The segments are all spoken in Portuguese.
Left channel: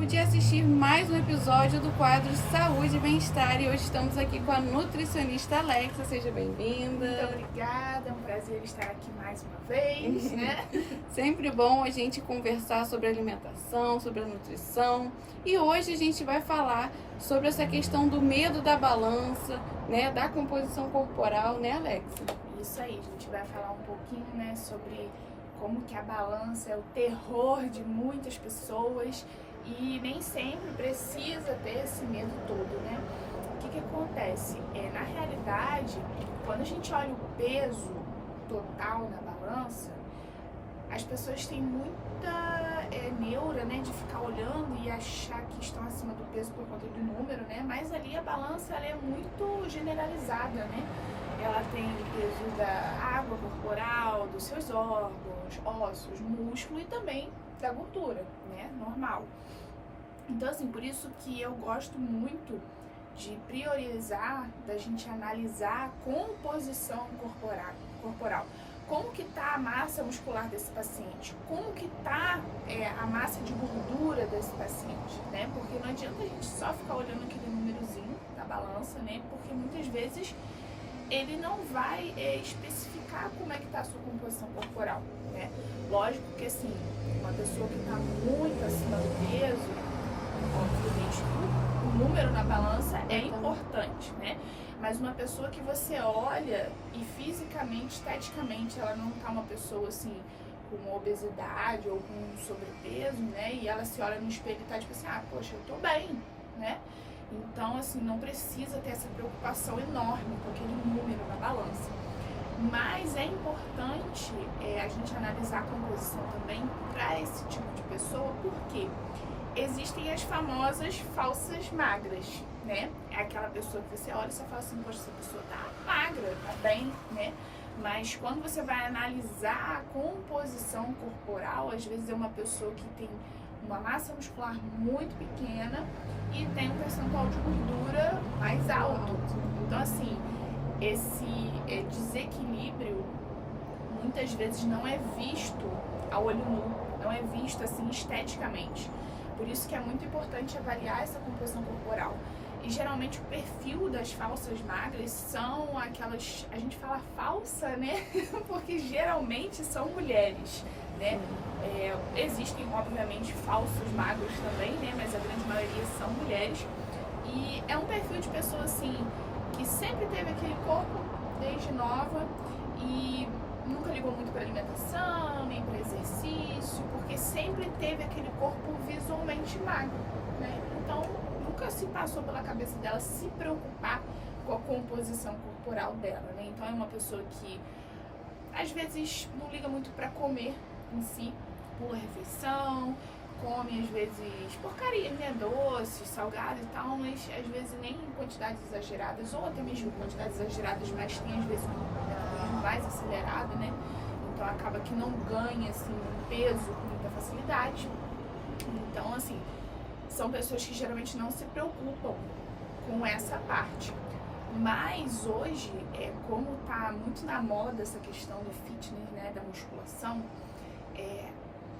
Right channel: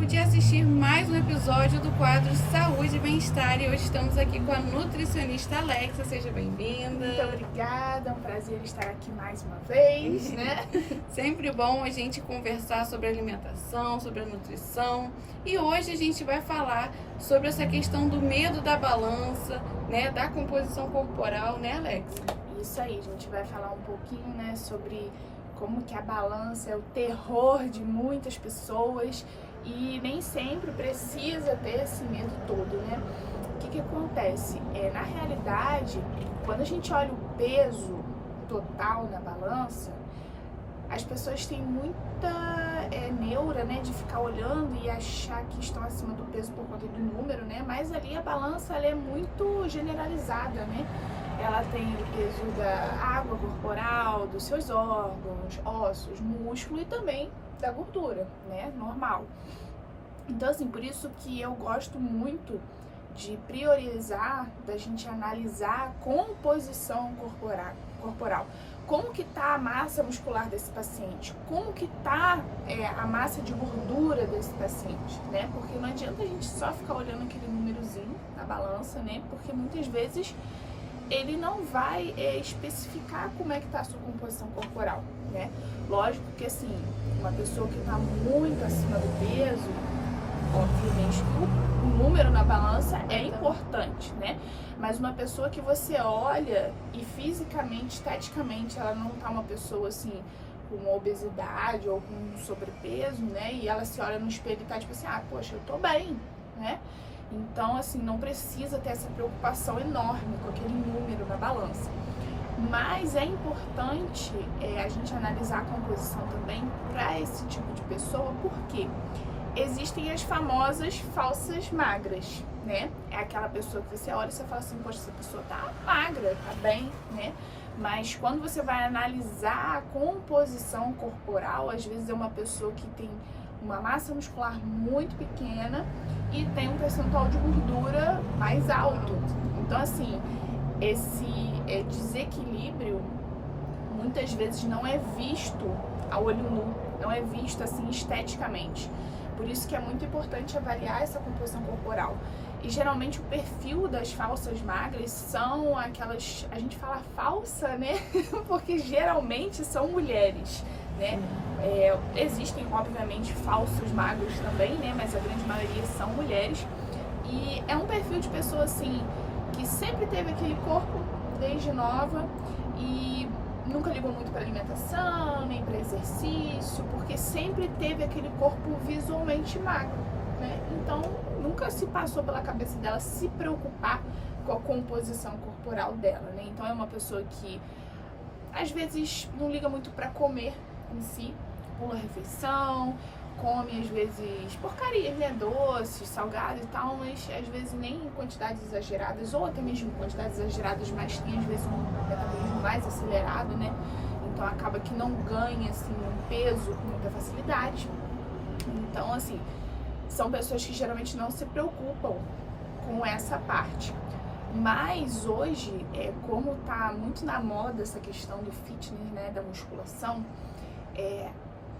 tempo de assistir mais um episódio do quadro Saúde e Bem-Estar. E hoje estamos aqui com a nutricionista Alexa. Seja bem-vinda. Muito obrigada, é um prazer estar aqui mais uma vez, né? Sempre bom a gente conversar sobre alimentação, sobre a nutrição. E hoje a gente vai falar sobre essa questão do medo da balança, né, da composição corporal, né, Alexa? Isso aí, a gente vai falar um pouquinho, né, sobre como que a balança é o terror de muitas pessoas e nem sempre precisa ter esse medo todo, né? O que acontece? Na realidade, quando a gente olha o peso total na balança, as pessoas têm muita neura, né, de ficar olhando e achar que estão acima do peso por conta do número, né? Mas ali a balança ela é muito generalizada, né? Ela tem o peso da água corporal, dos seus órgãos, ossos, músculo e também da gordura, né? Normal. Então, assim, por isso que eu gosto muito de priorizar, da gente analisar a composição corporal. Como que tá a massa muscular desse paciente? Como que tá a massa de gordura desse paciente, né? Porque não adianta a gente só ficar olhando aquele númerozinho na balança, né? Porque muitas vezes ele não vai especificar como é que tá a sua composição corporal, né? Lógico que, assim, uma pessoa que tá muito acima do peso, obviamente, o número na balança é importante, né? Mas uma pessoa que você olha e fisicamente, esteticamente, ela não tá uma pessoa, assim, com obesidade ou com sobrepeso, né? E ela se olha no espelho e tá tipo assim, ah, poxa, eu tô bem, né? Então, assim, não precisa ter essa preocupação enorme com aquele número na balança. Mas é importante a gente analisar a composição também para esse tipo de pessoa, porque existem as famosas falsas magras, né? É aquela pessoa que você olha e você fala assim, poxa, essa pessoa tá magra, tá bem, né? Mas quando você vai analisar a composição corporal, às vezes é uma pessoa que tem uma massa muscular muito pequena e tem um percentual de gordura mais alto. Então, assim, esse desequilíbrio muitas vezes não é visto a olho nu, não é visto assim esteticamente. Por isso que é muito importante avaliar essa composição corporal. E geralmente o perfil das falsas magras são aquelas, a gente fala falsa, né? Porque geralmente são mulheres, né? Existem, obviamente, falsos magros também, né? Mas a grande maioria são mulheres. E é um perfil de pessoa, assim, que sempre teve aquele corpo desde nova e nunca ligou muito para alimentação, nem para exercício, porque sempre teve aquele corpo visualmente magro, né? Então, nunca se passou pela cabeça dela se preocupar com a composição corporal dela, né? Então, é uma pessoa que, às vezes, não liga muito para comer em si, pula a refeição, come, às vezes, porcarias, né? Doces, salgados e tal, mas, às vezes, nem em quantidades exageradas, ou até mesmo em quantidades exageradas, mas tem, às vezes, um metabolismo mais acelerado, né? Então, acaba que não ganha, assim, um peso com muita facilidade. Então, assim, são pessoas que geralmente não se preocupam com essa parte. Mas hoje, como tá muito na moda essa questão do fitness, né, da musculação,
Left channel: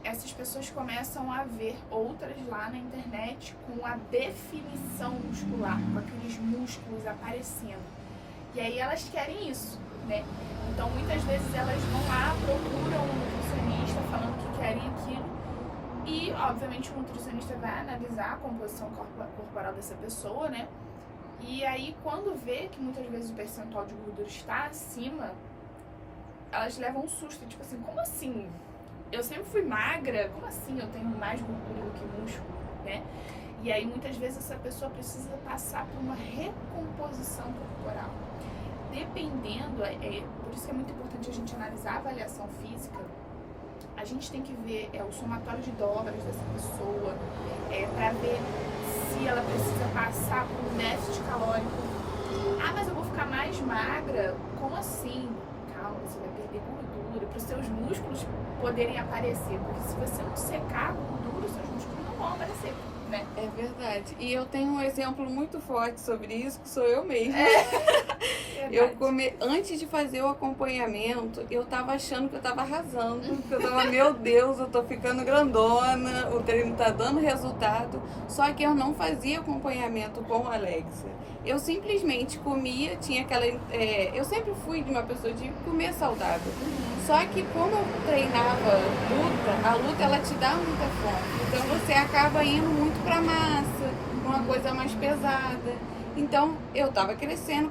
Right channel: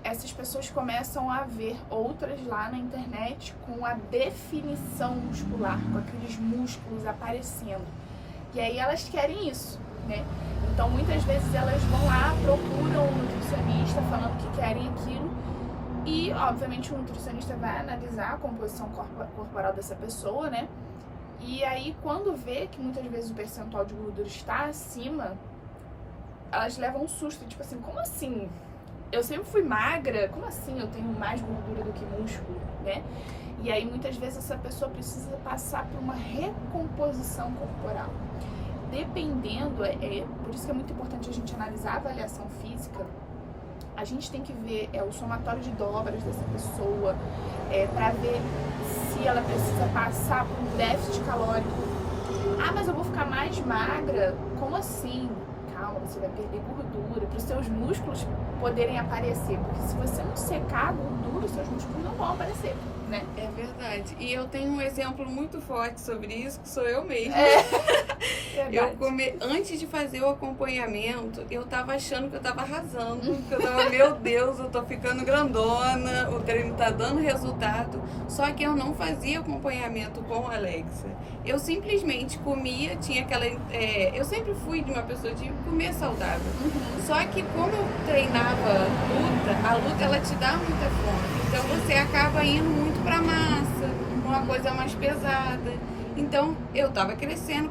essas pessoas começam a ver outras lá na internet com a definição muscular, com aqueles músculos aparecendo. E aí elas querem isso, né? Então muitas vezes elas vão lá, procuram um nutricionista falando que querem aquilo. E, obviamente, o nutricionista vai analisar a composição corporal dessa pessoa, né? E aí, quando vê que muitas vezes o percentual de gordura está acima, elas levam um susto, tipo assim, como assim? Eu sempre fui magra, como assim eu tenho mais gordura do que músculo, né? E aí, muitas vezes, essa pessoa precisa passar por uma recomposição corporal. Dependendo, por isso que é muito importante a gente analisar a avaliação física. A gente tem que ver o somatório de dobras dessa pessoa, para ver se ela precisa passar por um déficit calórico. Ah, mas eu vou ficar mais magra? Como assim? Calma, você vai perder gordura para os seus músculos poderem aparecer. Porque se você não secar a gordura, os seus músculos não vão aparecer, né? É verdade. E eu tenho um exemplo muito forte sobre isso, que sou eu mesma. Antes de fazer o acompanhamento, eu tava achando que eu tava arrasando, que eu tava, meu Deus, eu tô ficando grandona, o treino tá dando resultado. Só que eu não fazia acompanhamento com a Alexa. Eu simplesmente comia, tinha aquela. Eu sempre fui de uma pessoa de comer saudável. Só que como eu treinava luta, a luta ela te dá muita fome. Então você acaba indo muito pra massa, uma coisa mais pesada. Então eu tava crescendo.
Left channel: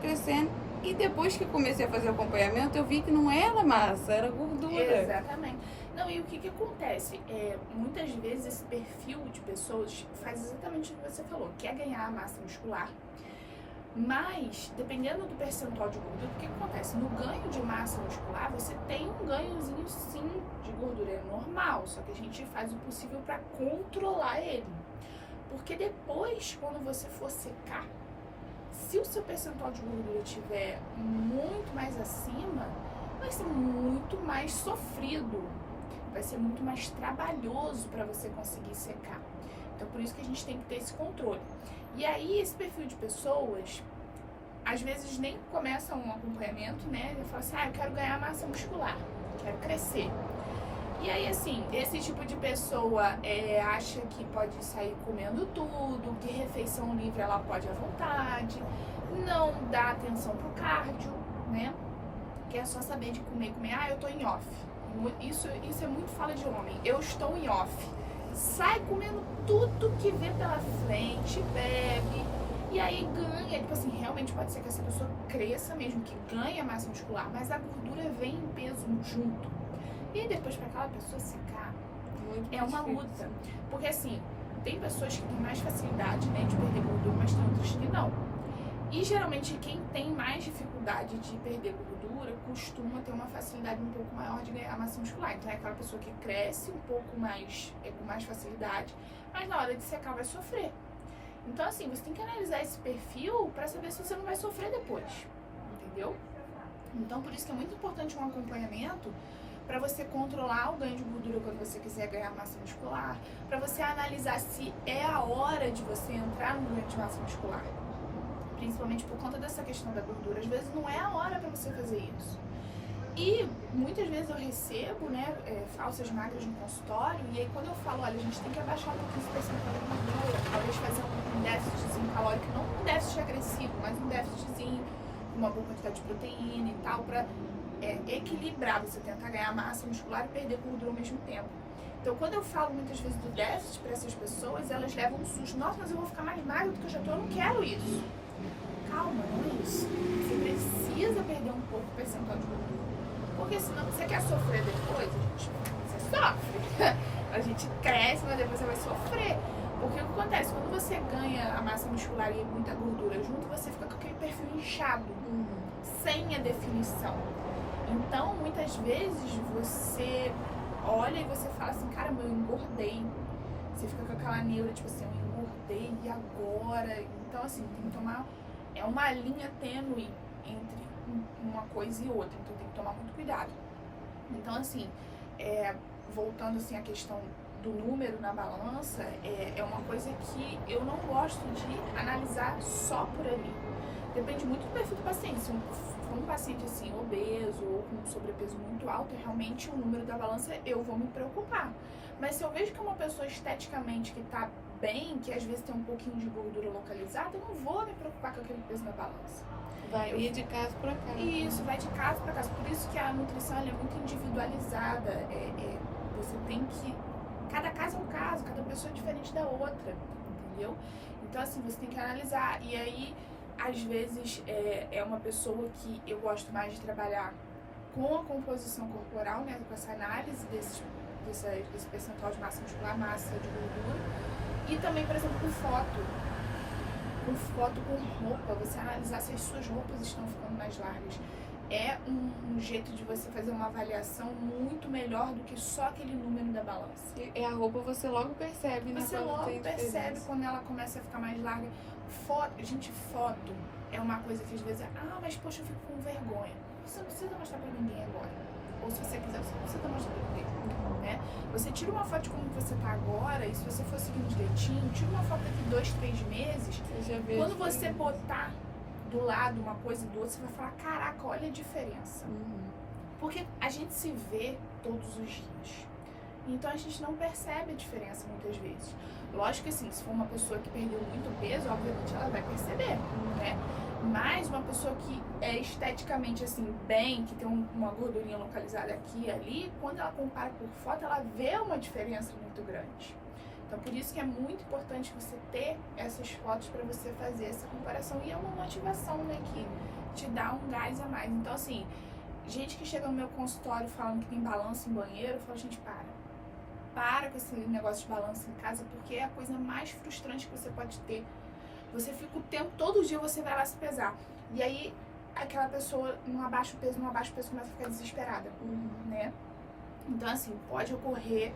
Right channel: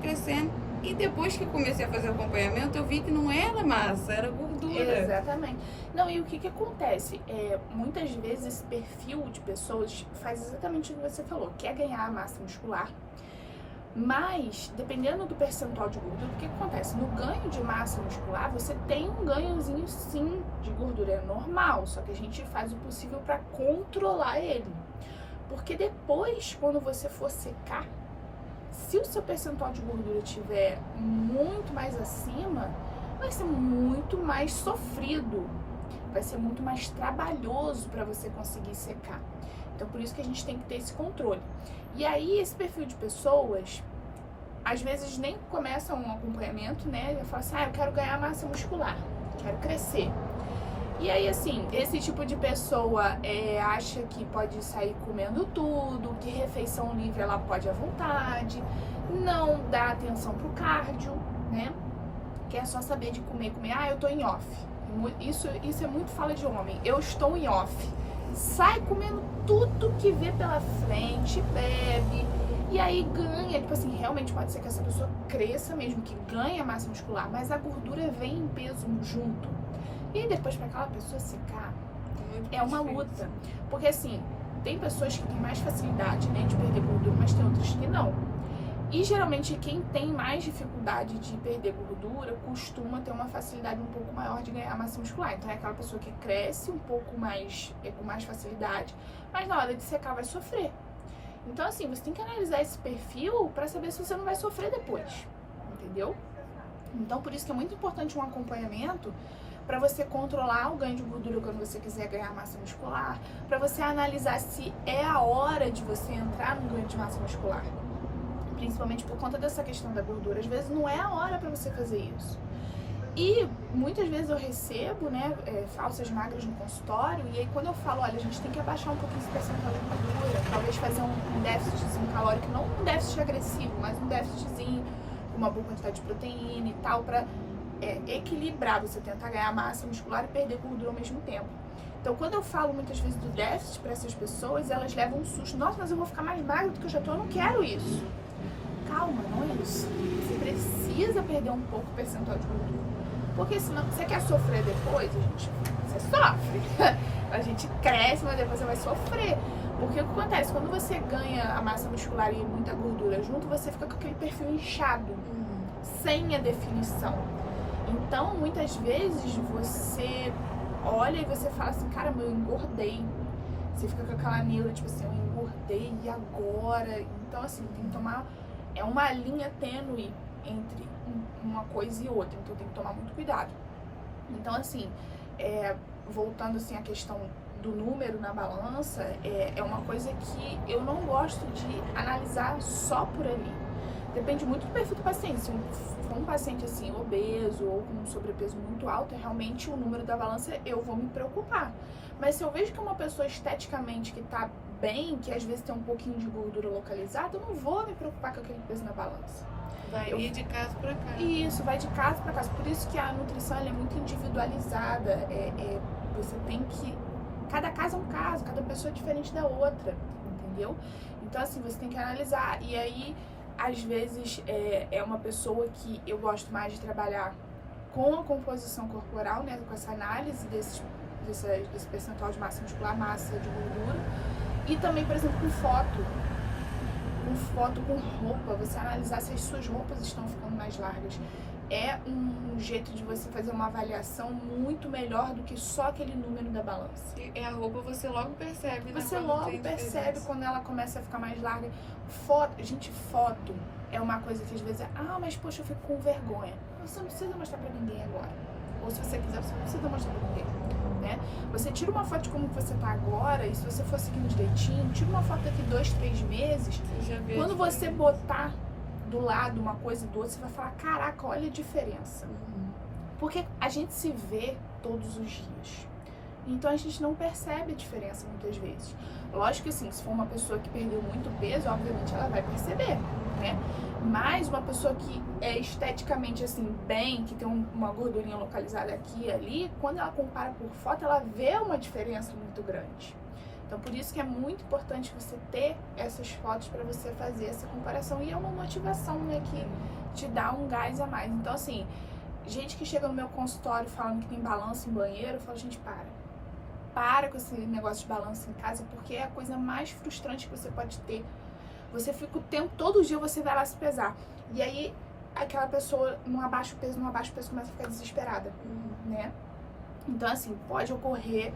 E depois que eu comecei a fazer o acompanhamento, eu vi que não era massa, era gordura. Exatamente. Não, e o que acontece? Muitas vezes esse perfil de pessoas faz exatamente o que você falou, quer ganhar massa muscular, mas dependendo do percentual de gordura, o que acontece? No ganho de massa muscular, você tem um ganhozinho sim de gordura, é normal, só que a gente faz o possível para controlar ele. Porque depois, quando você for secar, se o seu percentual de gordura estiver muito mais acima, vai ser muito mais sofrido, vai ser muito mais trabalhoso para você conseguir secar. Então, por isso que a gente tem que ter esse controle. E aí, esse perfil de pessoas, às vezes nem começam um acompanhamento, né? Ele fala assim, eu quero ganhar massa muscular, quero crescer. E aí, assim, esse tipo de pessoa acha que pode sair comendo tudo, que refeição livre ela pode à vontade, não dá atenção pro cardio, né? Que é só saber de comer, eu tô em off. Isso é muito fala de homem, eu estou em off. Sai comendo tudo que vê pela frente, bebe, e aí ganha, tipo assim, realmente pode ser que essa pessoa cresça mesmo, que ganha massa muscular, mas a gordura vem em peso junto. E aí depois para aquela pessoa secar, é uma luta. Porque assim, tem pessoas que têm mais facilidade, né, de perder gordura, mas tem outras que não. E geralmente quem tem mais dificuldade de perder gordura costuma ter uma facilidade um pouco maior de ganhar massa muscular. Então é aquela pessoa que cresce um pouco mais, com mais facilidade, mas na hora de secar vai sofrer. Então assim, você tem que analisar esse perfil para saber se você não vai sofrer depois, entendeu? Então por isso que é muito importante um acompanhamento para você controlar o ganho de gordura quando você quiser ganhar massa muscular, para você analisar se é a hora de você entrar no ganho de massa muscular. Principalmente por conta dessa questão da gordura, às vezes não é a hora para você fazer isso. E muitas vezes eu recebo, né, falsas magras no consultório, e aí quando eu falo, olha, a gente tem que abaixar um pouquinho esse percentual de gordura, talvez fazer um déficitzinho calórico, não um déficit agressivo, mas um déficitzinho com uma boa quantidade de proteína e tal, para equilibrar, você tentar ganhar massa muscular e perder gordura ao mesmo tempo. Então, quando eu falo muitas vezes do déficit para essas pessoas, elas levam um susto. Nossa, mas eu vou ficar mais magra do que eu já tô, eu não quero isso. Calma, não é isso. Você precisa perder um pouco o percentual de gordura. Porque senão, você quer sofrer depois, você sofre. A gente cresce, mas depois você vai sofrer. Porque o que acontece? Quando você ganha a massa muscular e muita gordura junto, você fica com aquele perfil inchado, sem a definição. Então, muitas vezes, você olha e você fala assim, caramba, eu engordei. Você fica com aquela neura, tipo assim, eu engordei, e agora? Então, assim, tem que tomar... É uma linha tênue entre uma coisa e outra, então tem que tomar muito cuidado. Então, assim, voltando assim à questão do número na balança, é uma coisa que eu não gosto de analisar só por ali. Depende muito do perfil do paciente. Se for um paciente assim, obeso ou com um sobrepeso muito alto, realmente o número da balança eu vou me preocupar. Mas se eu vejo que é uma pessoa esteticamente que tá bem, que às vezes tem um pouquinho de gordura localizada, eu não vou me preocupar com aquele peso na balança. Vai ir de casa para casa. Isso, vai de casa para casa. Por isso que a nutrição ela é muito individualizada. Você tem que... Cada caso é um caso, cada pessoa é diferente da outra, entendeu? Então, assim, você tem que analisar. E aí, às vezes, é uma pessoa que eu gosto mais de trabalhar com a composição corporal, né? Com essa análise desse percentual de massa muscular, massa de gordura. E também, por exemplo, com foto. Com foto, com roupa, você analisar se as suas roupas estão ficando mais largas. É um jeito de você fazer uma avaliação muito melhor do que só aquele número da balança. E a roupa você logo percebe, né? Você logo percebe quando ela começa a ficar mais larga. Foto é uma coisa que às vezes mas poxa, eu fico com vergonha. Você não precisa mostrar pra ninguém agora. Ou se você quiser, você não precisa mostrar pra ninguém, né? Você tira uma foto de como você tá agora, e se você for seguindo direitinho, tira uma foto daqui 2, 3 meses. Quando você botar do lado uma coisa do outro, você vai falar, caraca, olha a diferença. Porque a gente se vê todos os dias. Então a gente não percebe a diferença muitas vezes. Lógico que assim, se for uma pessoa que perdeu muito peso, obviamente ela vai perceber, né? Mas uma pessoa que é esteticamente assim, bem, que tem uma gordurinha localizada aqui e ali, quando ela compara por foto, ela vê uma diferença muito grande. Então por isso que é muito importante você ter essas fotos para você fazer essa comparação. E é uma motivação, né, que te dá um gás a mais. Então assim, gente que chega no meu consultório falando que tem balanço em banheiro, eu falo, gente, para com esse negócio de balanço em casa, porque é a coisa mais frustrante que você pode ter. Você fica o tempo, todo dia você vai lá se pesar. E aí, aquela pessoa não abaixa o peso, começa a ficar desesperada, né? Então, assim, pode ocorrer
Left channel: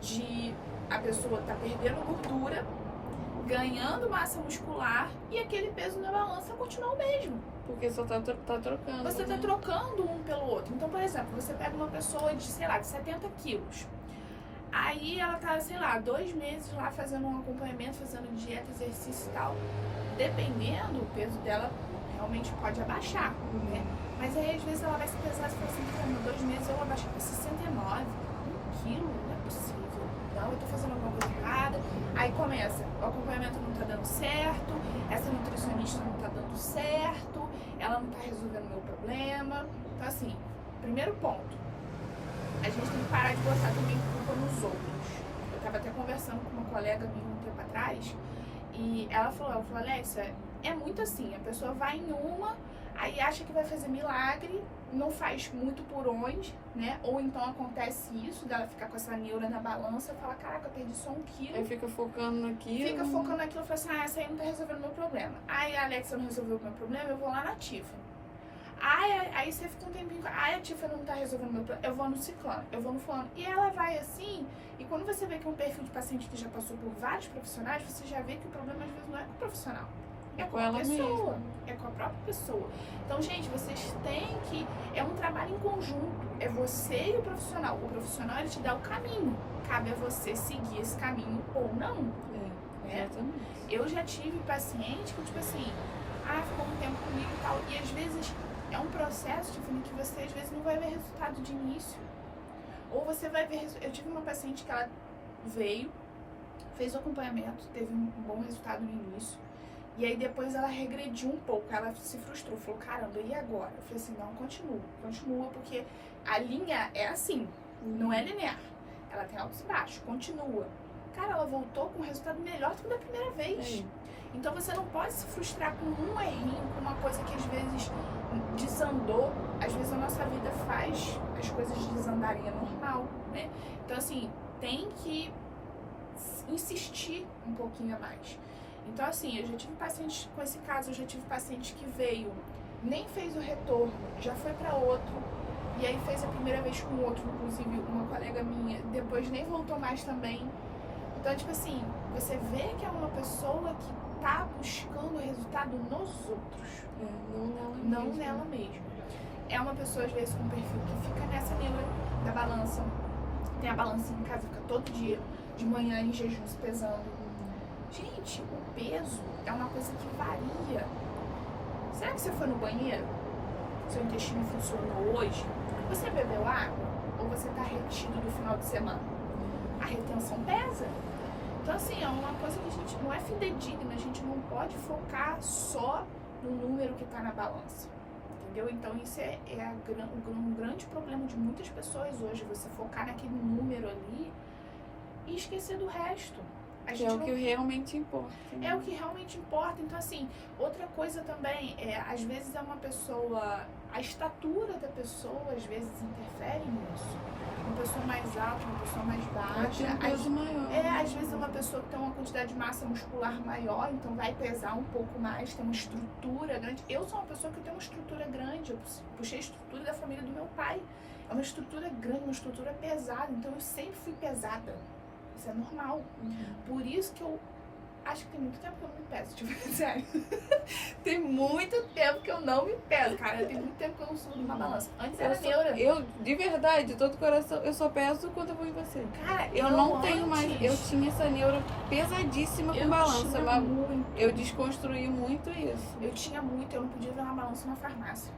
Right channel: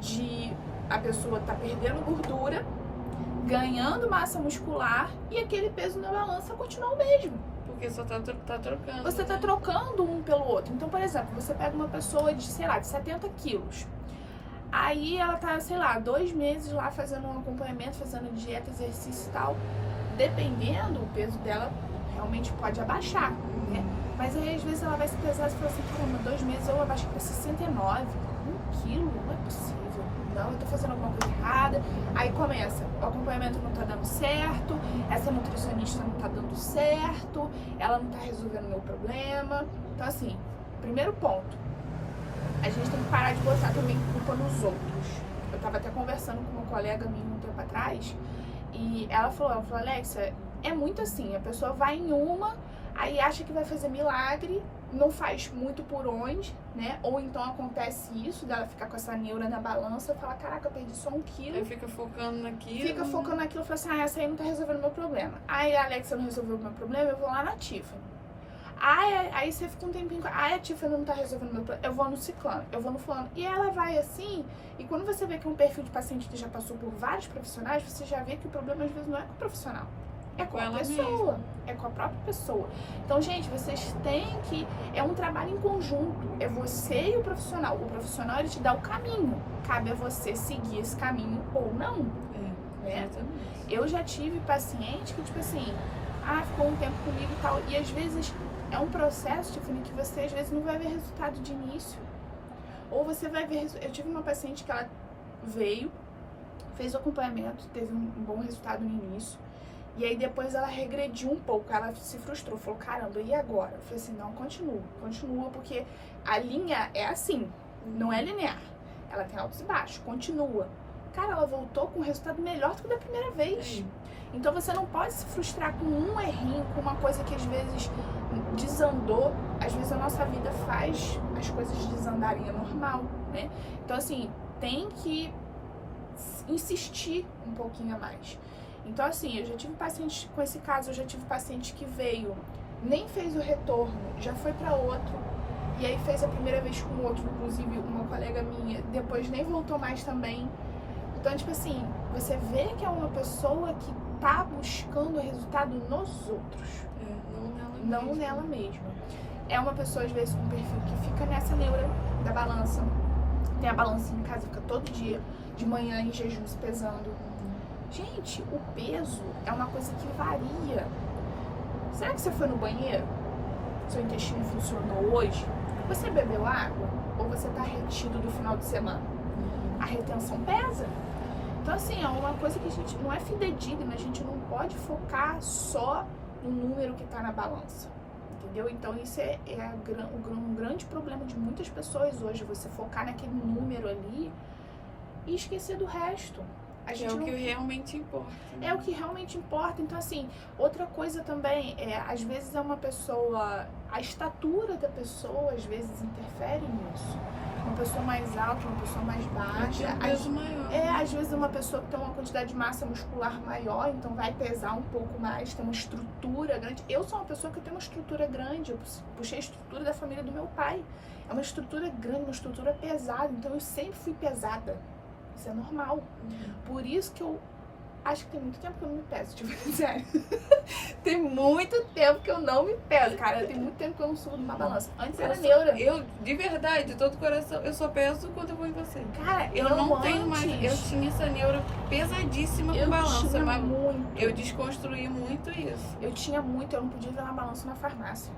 de a pessoa tá perdendo gordura, ganhando massa muscular e aquele peso na balança continuar o mesmo. Porque só tá trocando. Você tá trocando um pelo outro. Então, por exemplo, você pega uma pessoa de, sei lá, de 70 quilos. Aí ela tá, sei lá, 2 meses lá fazendo um acompanhamento, fazendo dieta, exercício e tal. Dependendo, o peso dela realmente pode abaixar, né? Mas aí às vezes ela vai se pesar e fala assim, caramba, 2 meses eu abaixo pra 69, 1 quilo, não é possível. Não, eu tô fazendo alguma coisa errada. Aí começa, o acompanhamento não tá dando certo, essa nutricionista não tá dando certo, ela não tá resolvendo o meu problema. Então assim, primeiro ponto, a gente tem que parar de botar também culpa nos outros. Eu tava até conversando com uma colega minha um tempo atrás, e ela falou, Alexa, é muito assim, a pessoa vai em uma, aí acha que vai fazer milagre, não faz muito por onde, né? Ou então acontece isso, dela ficar com essa neura na balança, fala, caraca, eu perdi só 1 quilo. Aí fica focando naquilo. Fica focando naquilo, fala assim, essa aí não tá resolvendo o meu problema. Aí a Alexa não resolveu o meu problema, eu vou lá na Tiffany. Aí você fica um tempinho, a Tiffany não tá resolvendo o meu problema, eu vou no ciclano, eu vou no fulano. E ela vai assim, e quando você vê que é um perfil de paciente que já passou por vários profissionais, você já vê que o problema às vezes não é com o profissional. É com a pessoa, é com a própria pessoa. Então, gente, vocês têm que... É um trabalho em conjunto. É você e o profissional. O profissional, ele te dá o caminho. Cabe a você seguir esse caminho ou não. Né? Eu já tive paciente que, tipo assim, ficou um tempo comigo e tal. E às vezes é um processo, Tiffany, que você às vezes não vai ver resultado de início. Ou você vai ver... Eu tive uma paciente que ela veio, fez o acompanhamento, teve um bom resultado no início. E aí depois ela regrediu um pouco, ela se frustrou, falou, caramba, e agora? Eu falei assim, não, continua, porque a linha é assim, não é linear. Ela tem altos e baixos, continua. Cara, ela voltou com um resultado melhor do que da primeira vez. Então você não pode se frustrar com um errinho, com uma coisa que às vezes desandou. Às vezes a nossa vida faz as coisas desandarem, é normal, né? Então assim, tem que insistir um pouquinho a mais. Então assim, eu já tive paciente com esse caso, eu já tive paciente que veio, nem fez o retorno, já foi para outro, e aí fez a primeira vez com outro, inclusive uma colega minha, depois nem voltou mais também. Então, tipo assim, você vê que é uma pessoa que tá buscando resultado nos outros, não nela mesma. É uma pessoa, às vezes, com um perfil que fica nessa neura da balança, tem a balança em casa, fica todo dia, de manhã em jejum, se pesando. Gente, o peso é uma coisa que varia. Será que você foi no banheiro? Seu intestino funcionou hoje? Você bebeu água? Ou você tá retido do final de semana? A retenção pesa. Então, assim, é uma coisa que a gente não é fidedigna, a gente não pode focar só no número que tá na balança. Entendeu? Então, isso é um grande problema de muitas pessoas hoje, você focar naquele número ali e esquecer do resto. Que é o que realmente importa. É o que realmente importa. Então, assim, outra coisa também, às vezes é uma pessoa, a estatura da pessoa, às vezes, interfere nisso. Uma pessoa mais alta, uma pessoa mais baixa. Tem um peso maior. Às vezes é uma pessoa que tem uma quantidade de massa muscular maior, então vai pesar um pouco mais, tem uma estrutura grande. Eu sou uma pessoa que tem uma estrutura grande, eu puxei a estrutura da família do meu pai. É uma estrutura grande, uma estrutura pesada, então eu sempre fui pesada. Isso é normal. Por isso que eu acho que tem muito tempo que eu não me peso, tipo, sério. Tem muito tempo que eu não me peso, cara. Tem muito tempo que eu não subo numa balança. Antes era neura. Eu, de verdade, de todo coração, eu só peso quando eu vou em você. Cara, Eu não tenho mais. Eu tinha essa neura pesadíssima com balança, mas eu desconstruí muito isso. Eu tinha muito, eu não podia ver uma balança na farmácia.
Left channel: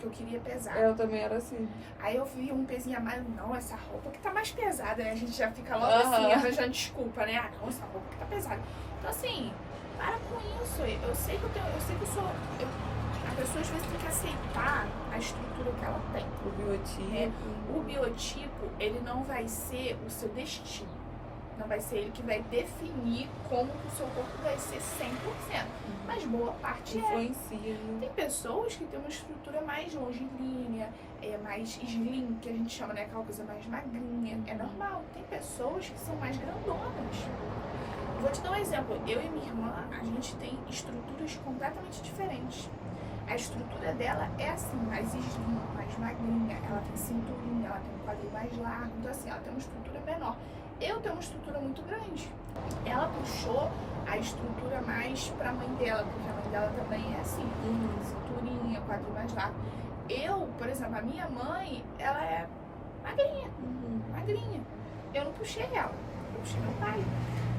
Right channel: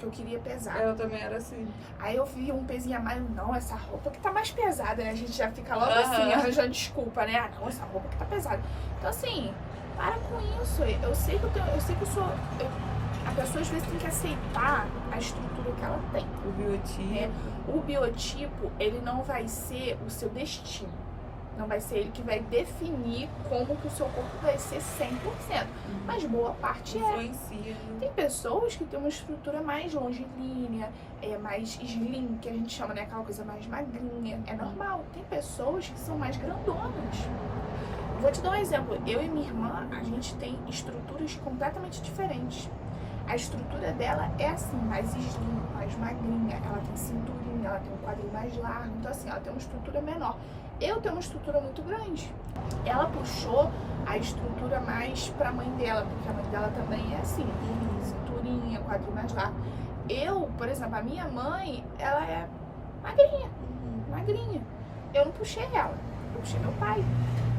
Que eu queria pesar. Eu também era assim. Aí eu vi um pezinho a mais, não, essa roupa que tá mais pesada, né? A gente já fica logo assim, arranjando desculpa, né? Ah, não, essa roupa que tá pesada. Então assim, para com isso. Eu sei que eu sou. A pessoa às vezes tem que aceitar a estrutura que ela tem. O biotipo. Né? O biotipo, ele não vai ser o seu destino. Não vai ser ele que vai definir como que o seu corpo vai ser 100%. Mas boa parte influencia, né? Tem pessoas que têm uma estrutura mais longilínea, mais slim, que a gente chama, né? Aquela coisa mais magrinha. É normal. Tem pessoas que são mais grandonas. Vou te dar um exemplo. Eu e minha irmã, a gente tem estruturas completamente diferentes. A estrutura dela é assim, mais slim, mais magrinha. Ela tem cinturinha, ela tem um quadril mais largo. Então assim, ela tem uma estrutura menor. Eu tenho uma estrutura muito grande. Ela puxou a estrutura mais pra mãe dela, porque a mãe dela também é assim, cinturinha, quadril mais largo. Eu, por exemplo, a minha mãe, ela é magrinha, magrinha. Eu não puxei ela, eu puxei meu pai.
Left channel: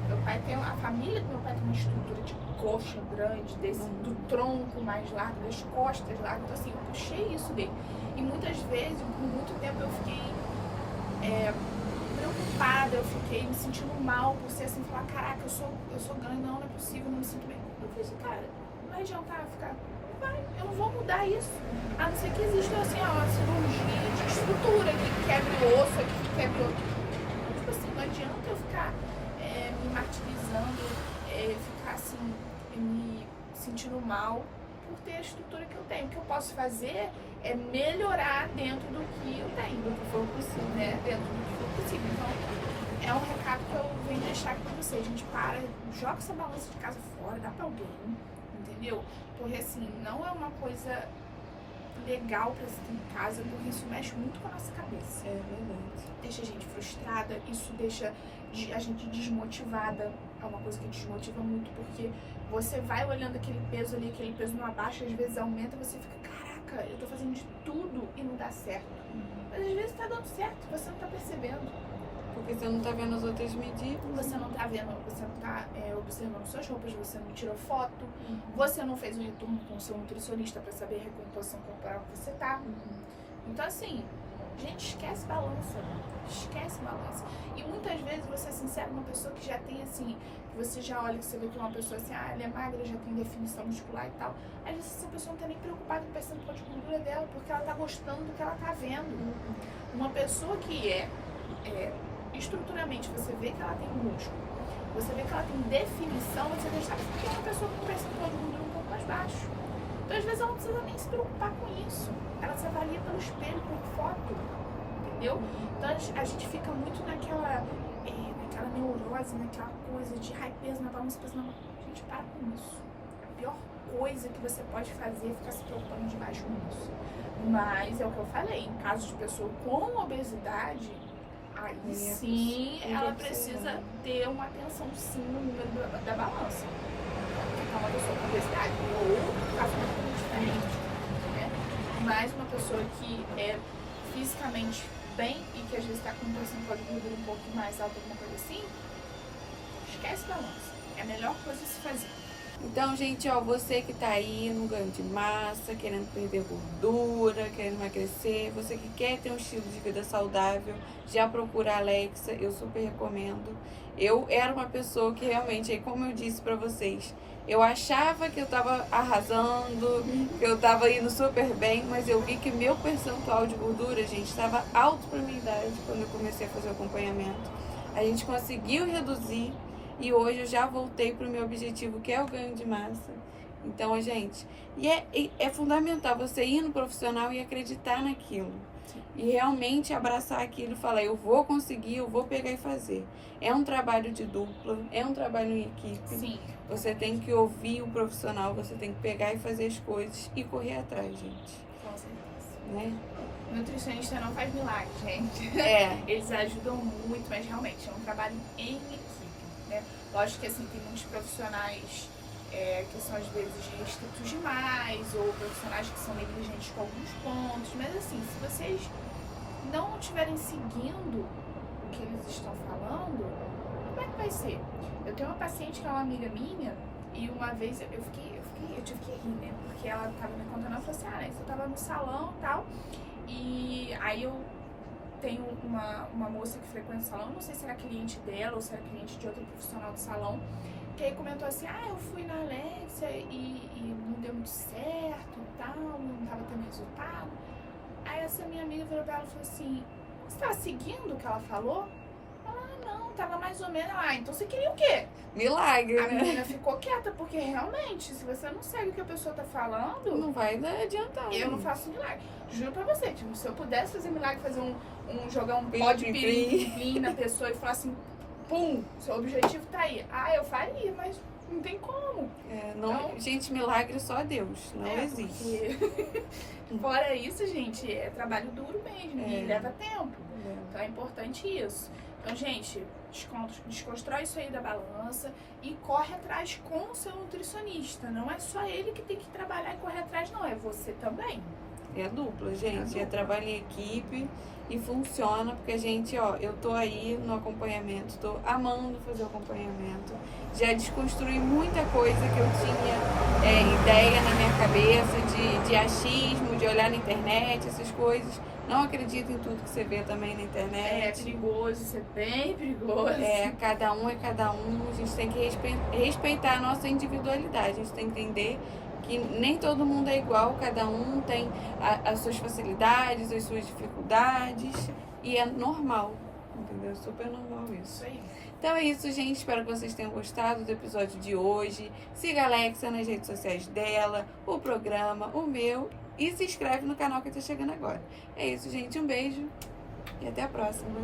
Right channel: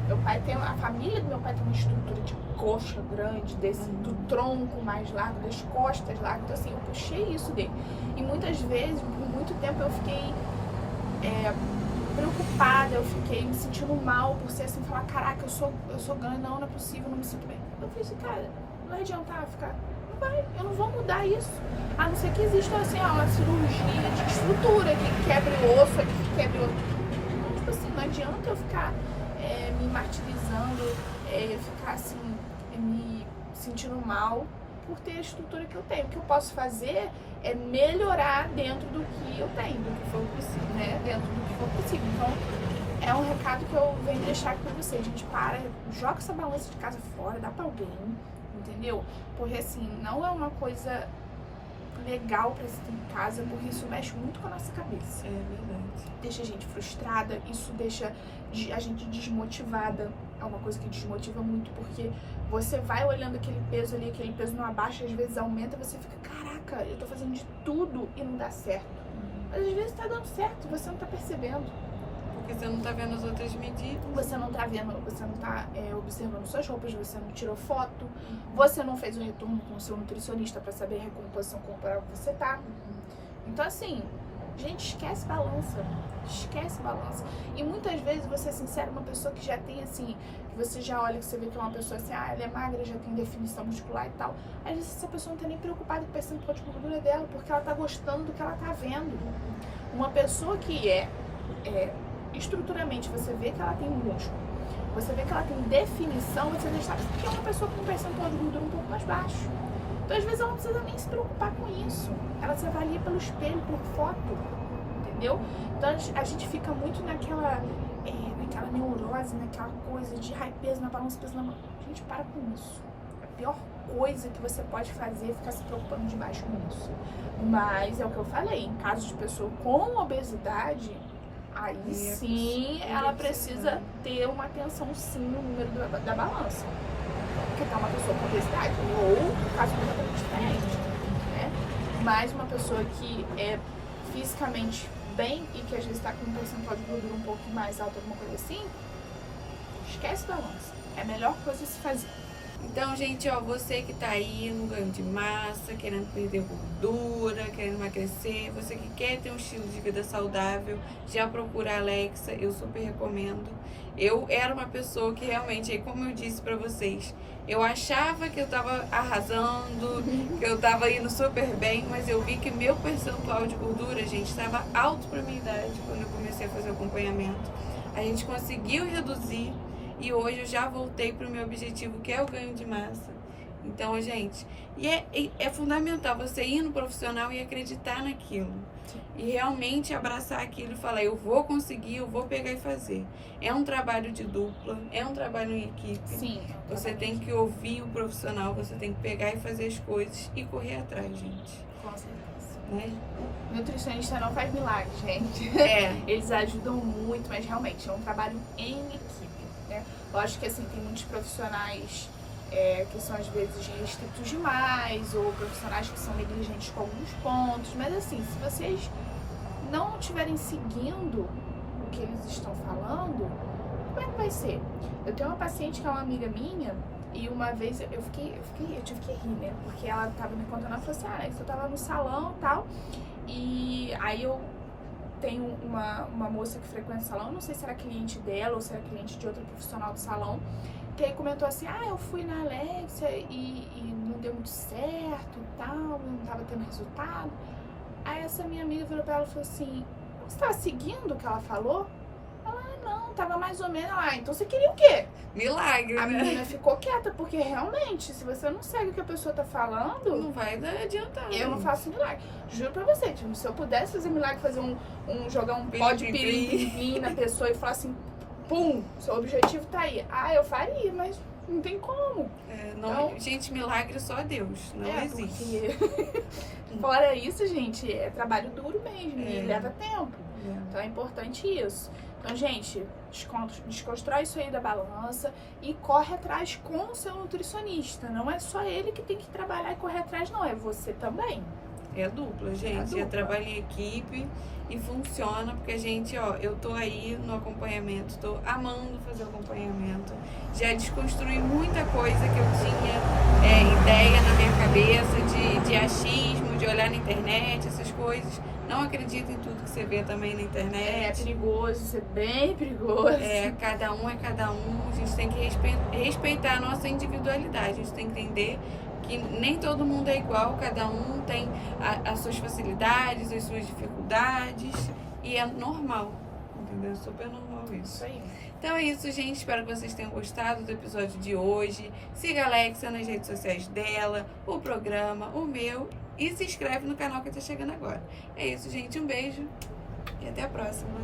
Meu pai tem, a família do meu pai tem uma estrutura de coxa grande, do tronco mais largo, das costas largas. Então assim, eu puxei isso dele. E muitas vezes, por muito tempo, eu fiquei preocupada, eu fiquei me sentindo mal por ser assim, falar, caraca, eu sou grande, não é possível, não me sinto bem. Eu falei assim, cara, não vai adiantar ficar, não vai, eu não vou mudar isso. A não ser que exista assim, uma cirurgia de estrutura, que quebra o osso, que quebra o outro. Então, tipo assim, não adianta eu ficar me martirizando, ficar assim, me sentindo mal por ter a estrutura que eu tenho. O que eu posso fazer é melhorar dentro do que eu tenho, do que for possível, né? Dentro do que for possível. Então, é um recado que eu venho deixar aqui pra vocês. A gente joga essa balança de casa fora, dá pra alguém, entendeu? Porque assim, não é uma coisa legal pra se ter em casa, porque isso mexe muito com a nossa cabeça. É verdade. Deixa a gente frustrada, isso deixa a gente desmotivada. É uma coisa que desmotiva muito, porque você vai olhando aquele peso ali, aquele peso não abaixa, às vezes aumenta, você fica, caraca, eu tô fazendo de tudo e não dá certo. Mas às vezes tá dando certo e você não tá percebendo. Porque você não tá vendo as outras medidas. Você não tá vendo, você não tá observando suas roupas, você não tirou foto, você não fez o retorno com o seu nutricionista pra saber a recomposição corporal que você tá. Então assim, gente, esquece balança. Esquece balança. E muitas vezes, vou ser sincera, uma pessoa que já tem assim, você já olha, você vê que é uma pessoa assim, ela é magra, já tem definição muscular e tal. Às vezes essa pessoa não tá nem preocupada com o percentual de gordura dela, porque ela tá gostando do que ela tá vendo. Uma pessoa que estruturalmente, você vê que ela tem músculo, você vê que ela tem definição, você deixa que é uma pessoa com um percentual de gordura um pouco mais baixo. Então às vezes ela não precisa nem se preocupar com isso. Ela se avalia pelo espelho, por foto. Entendeu? Então a gente fica muito naquela neurose, naquela coisa de peso na balança, peso na mão. Gente, para com isso. A pior coisa que você pode fazer é ficar se preocupando demais com isso. Mas é o que eu falei, em caso de pessoa com obesidade, aí sim ela precisa ter uma atenção sim no número da balança. Porque tá uma pessoa com obesidade ou um caso completamente diferente, né? Mas uma pessoa que é fisicamente bem e que às vezes tá com um percentual de gordura um pouco mais alto, alguma coisa assim, esquece balança. É a melhor coisa a se fazer. Então, gente, ó, você que tá aí no ganho de massa, querendo perder gordura, querendo emagrecer, você que quer ter um estilo de vida saudável, já procura a Alexa, eu super recomendo. Eu era uma pessoa que realmente, como eu disse pra vocês, eu achava que eu tava arrasando, que eu tava indo super bem, mas eu vi que meu percentual de gordura, gente, estava alto pra minha idade quando eu comecei a fazer o acompanhamento. A gente conseguiu reduzir e hoje eu já voltei pro meu objetivo, que é o ganho de massa. Então, gente, é fundamental você ir no profissional e acreditar naquilo. Sim. E realmente abraçar aquilo e falar, eu vou conseguir, eu vou pegar e fazer. É um trabalho de dupla, é um trabalho em equipe. Sim. Você tem que ouvir o profissional, você tem que pegar e fazer as coisas e correr atrás, gente. Com certeza. Né? Nutricionista não faz milagre, gente. Eles ajudam muito, mas realmente é um trabalho em equipe, né? Lógico que assim, tem muitos profissionais que são às vezes restritos demais, ou profissionais que são negligentes com alguns pontos. Mas assim, se vocês não estiverem seguindo o que eles estão falando, como é que vai ser? Eu tenho uma paciente que é uma amiga minha, e uma vez eu tive que rir, né? Porque ela tava me contando, ela falou assim, eu tava no salão e tal, e aí eu tenho uma moça que frequenta o salão, não sei se era cliente dela ou se era cliente de outro profissional do salão, que aí comentou assim, eu fui na Alexia e não deu muito certo e tal, não tava tendo resultado. Aí essa minha amiga virou pra ela e falou assim, você tava seguindo o que ela falou? Ela, não, tava mais ou menos lá, então você queria o quê? Milagre, A né? menina ficou quieta, porque realmente, se você não segue o que a pessoa tá falando, Não vai adiantar. eu não faço milagre. Juro pra você, que se eu pudesse fazer milagre, fazer jogar um pó de Pirim-pim-pim. pirim-pim na pessoa e falar assim, pum, seu objetivo tá aí. Eu faria, mas não tem como. Gente, milagre só Deus, não existe. Porque fora isso, gente, é trabalho duro mesmo e leva tempo. Então é importante isso. Então, gente, desconstrói isso aí da balança e corre atrás com o seu nutricionista. Não é só ele que tem que trabalhar e correr atrás, não. É você também. É dupla, gente. É trabalho em equipe e funciona porque a gente, eu tô aí no acompanhamento, tô amando fazer o acompanhamento. Já desconstruí muita coisa que eu tinha ideia na minha cabeça de achismo, de olhar na internet, essas coisas. Não acredito em tudo que você vê também na internet. É perigoso, isso é bem perigoso. Cada um é cada um. A gente tem que respeitar a nossa individualidade. A gente tem que entender que nem todo mundo é igual. Cada um tem as suas facilidades, as suas dificuldades. E é normal, entendeu? É super normal isso. Isso aí. Então é isso, gente. Espero que vocês tenham gostado do episódio de hoje. Siga a Alexia nas redes sociais dela, o programa, o meu. E se inscreve no canal que tá chegando agora. É isso, gente. Um beijo e até a próxima.